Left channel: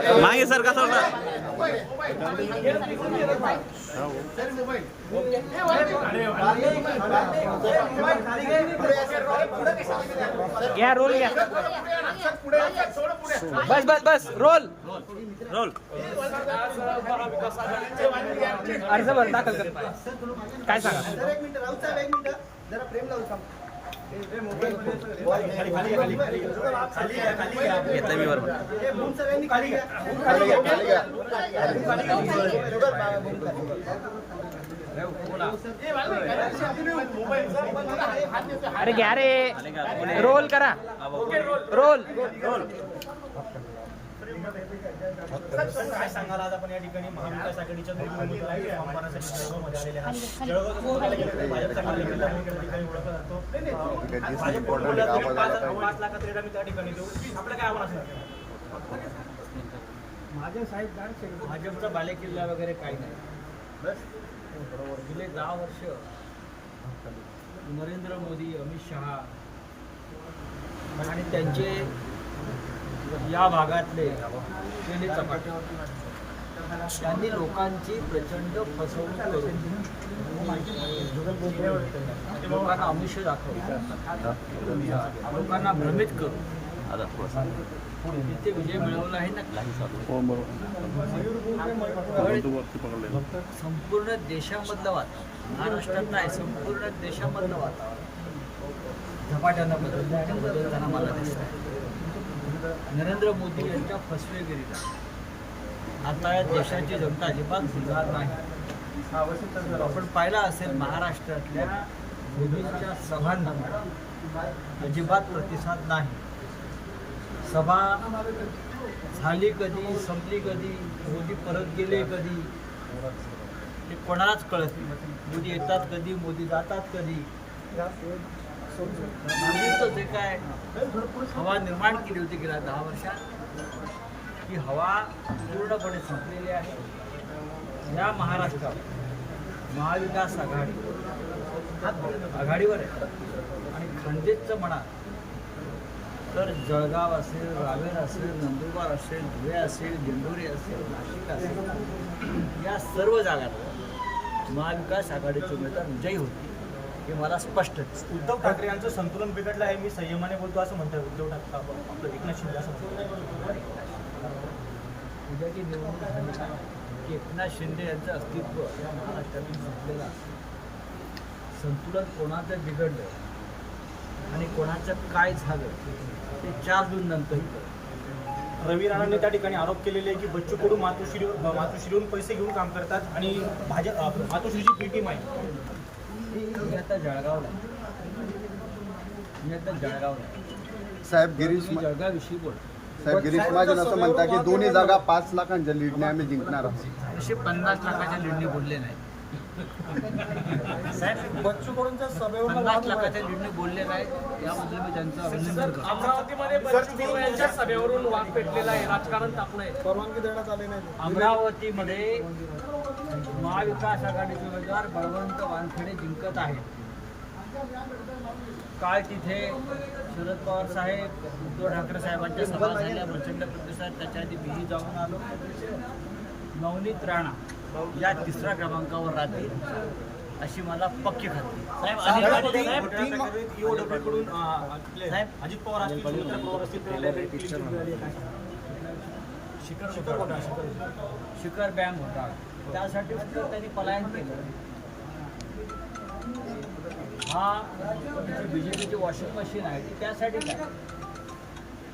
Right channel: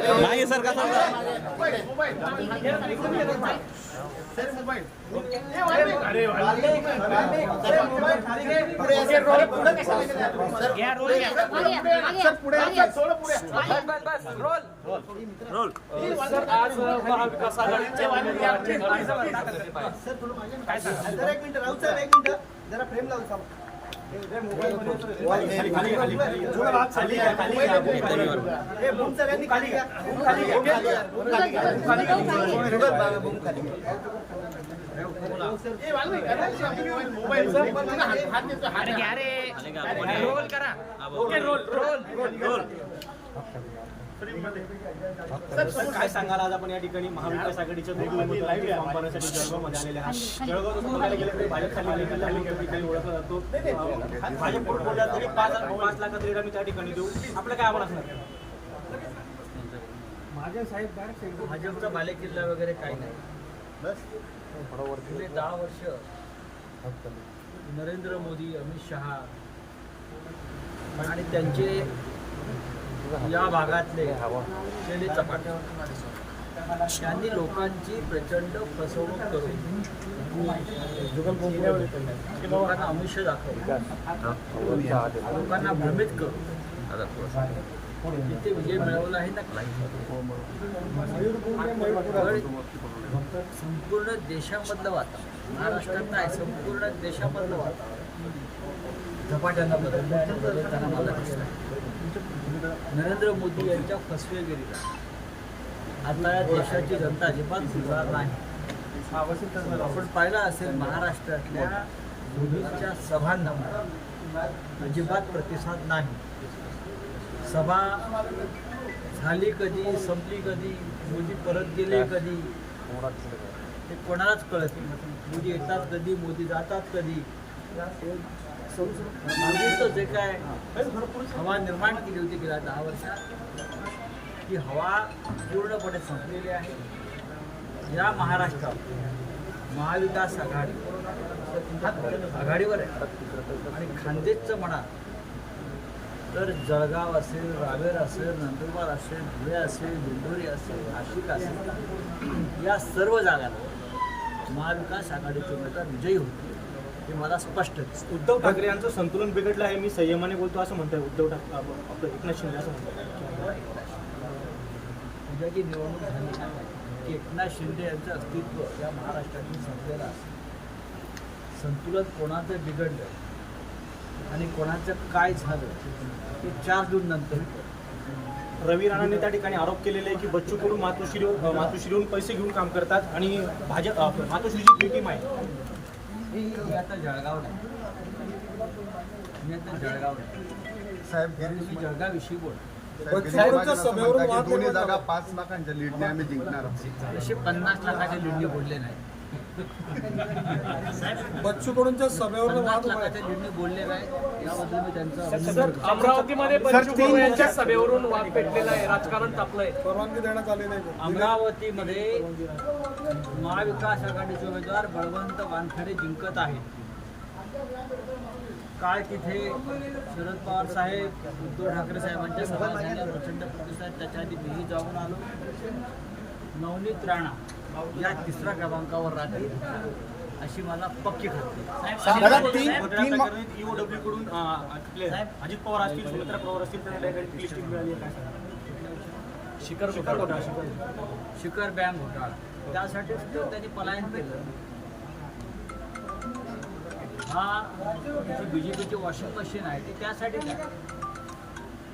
मागे सर कसा होता? घ्या रोल घ्या. बस बस बस रोल. रोल. आज महाविकास आघाडीचे अर्ज भरता काय सांगा जरा एक मिनिट राहू अरे घ्या रे? रोल करा? रोल रोल काय सांगाल? आज आपण या ठिकाणी महाविकास आघाडीच्या त्या ठिकाणी ओळखला जातो. पाच आम्ही त्या देऊ आपलं काय आव्हान भाजपचा बालेकिल्ला वगैरे काही नाही. गेले दहा वर्ष. नरेंद्र मोदी अमित शहा आणि त्यांचे या भागातले केले चपाटे त्यांनी लोकांची प्रचंड फसवणूक करून लोकांना आमिष दाखवलं. लोकांना भ्रमित करून. तिथे विजय मिळवला आहे ना पण संपूर्ण देशामधलं वातावरण महाराष्ट्रात नाही संपूर्ण देशामधलं वातावरण झपाट्यानं बदललं आणि बदलताना मला दिसलं आहे नरेंद्र मोदी यांच्या फसवेगिरीला. आता या देशाची जनता अजिबात भुलणार नाही. आपण पाहिलं असेल महाराष्ट्रातल्या मोदींच्या सभांना अजिबात प्रतिसाद नाही. सभा झाली कधी संपली कधी मोदी परत गेले कधी ते कोणालाच कळत नाही. मोदी येतात कधी मोदी जातात कधी? मोदीचं जे काय हवा निर्माण केली होती गेल्या दहा वर्षात ती हवा पूर्णपणे संपलेली आहे. या महाराष्ट्रात महाविकास आघाडी आघाडीवर आहे. आणि खानदेशचं म्हणा तर जळगाव असेल रावेर असेल नंदुरबार असेल धुळे असेल दिंडोरी असेल नाशिक असेल या सर्व जागांवर महाविकास आघाडीचे उमेदवार विजयी होती हे मला स्पष्ट दिसतं उद्धव ठाकरे यांचं संतुलन बिघडलं आहे मी संयमाने बोलतो असं म्हणतोय. उद्धव ठाकरे आपलं एकनाथ शिंदे असं म्हणतोय. उद्याची निवडणूक झाली की एकनाथ शिंदे यांचं अस्तित्व या महाराष्ट्रातून संपलेलं असतं. संतुलन कोणाचं बिघडलं आणि कोणाचं काय झालं ते चार जून नंतर. रवी राणाने त्या ठिकाणी आरोप केलेले आहे की बच्चू कडू मातोश्रीवर मातोश्रीवरून पैसे घेऊन काम करतात आणि भाजप मातोश्रीची बी टीम आहे मी आता जळगावला. मी आता जळगावला. साहेब गिरीश तुम्ही जळगावविषयी बोल साहेब गिरीश महाजन असं म्हणतात की दोन्ही जागा पाच लाखांच्या लीडने आम्ही जिंकणार आहोत तसे पन्नास लाखाच्या लीडने बोलले नाही साहेब बच्चू कडूंच्या सभेवर पन्नास लाखाच्या लीडने नाहीत याबद्दल मी त्यांचं अभिनंदन करतो. अमरावतीमध्ये बच्चू कडू यांच्या सभेवरून वाद पेटलेला आहे राजकारण तापलंय. परवानगी देण्यात आली नाही. अमरावतीमध्ये महाविकास आघाडीचे उमेदवार बळवंत वानखेडे जिंकत आहेत. काल तिथे शरद पवार साहेब उद्धव ठाकरे साहेबांच्या सभा झाल्या प्रचंड प्रतिसाद त्याच्या आधी मीही जाऊन आलो. नवनीत राणा या तिसऱ्या क्रमांकावर राहतील अशी मला पक्की खात्री? शिखर शिखर घोटाळा शिखर शिखर बँक घोटाळा त्यासाठीच तर त्यांनी पलायन केलं हा जी बी जे पीची वॉशिंग मशीन आहे ती त्यासाठी काय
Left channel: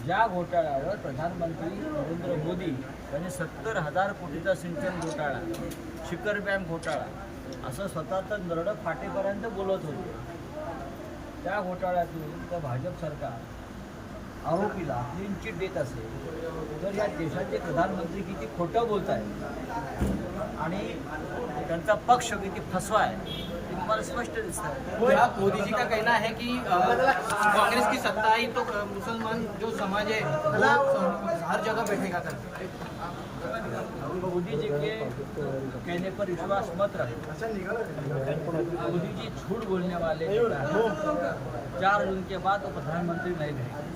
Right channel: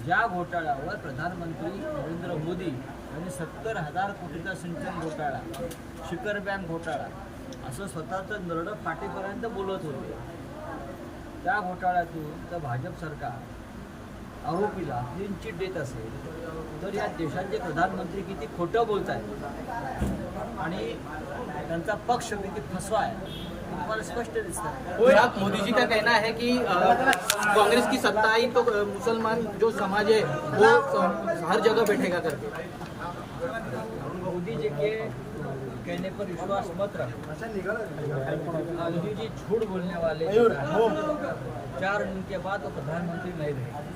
ज्या घोटाळ्यावर प्रधानमंत्री नरेंद्र मोदी यांनी सत्तर हजार कोटीचा सिंचन घोटाळा शिखर बँक घोटाळा असं स्वतःचं नरडं फाटेपर्यंत बोलत होते. त्या घोटाळ्यातून तर भाजप सरकार आरोपीला क्लीन चिट देत असेल तर या देशाचे प्रधानमंत्री किती खोटं बोलत आहेत आणि त्यांचा पक्ष किती फसवा आहे ते तुम्हाला स्पष्ट दिसत आहे मोदीजी का कहना है की कांग्रेस की सत्ता आई तो मुसलमान जो समाज है वो हर जगह बैठेगा करके मोदी जी के कहने पर विश्वास मत रखें। मोदी जी झूठ बोलने वाले चार जून के बाद वो प्रधानमंत्री नहीं रहेंगे।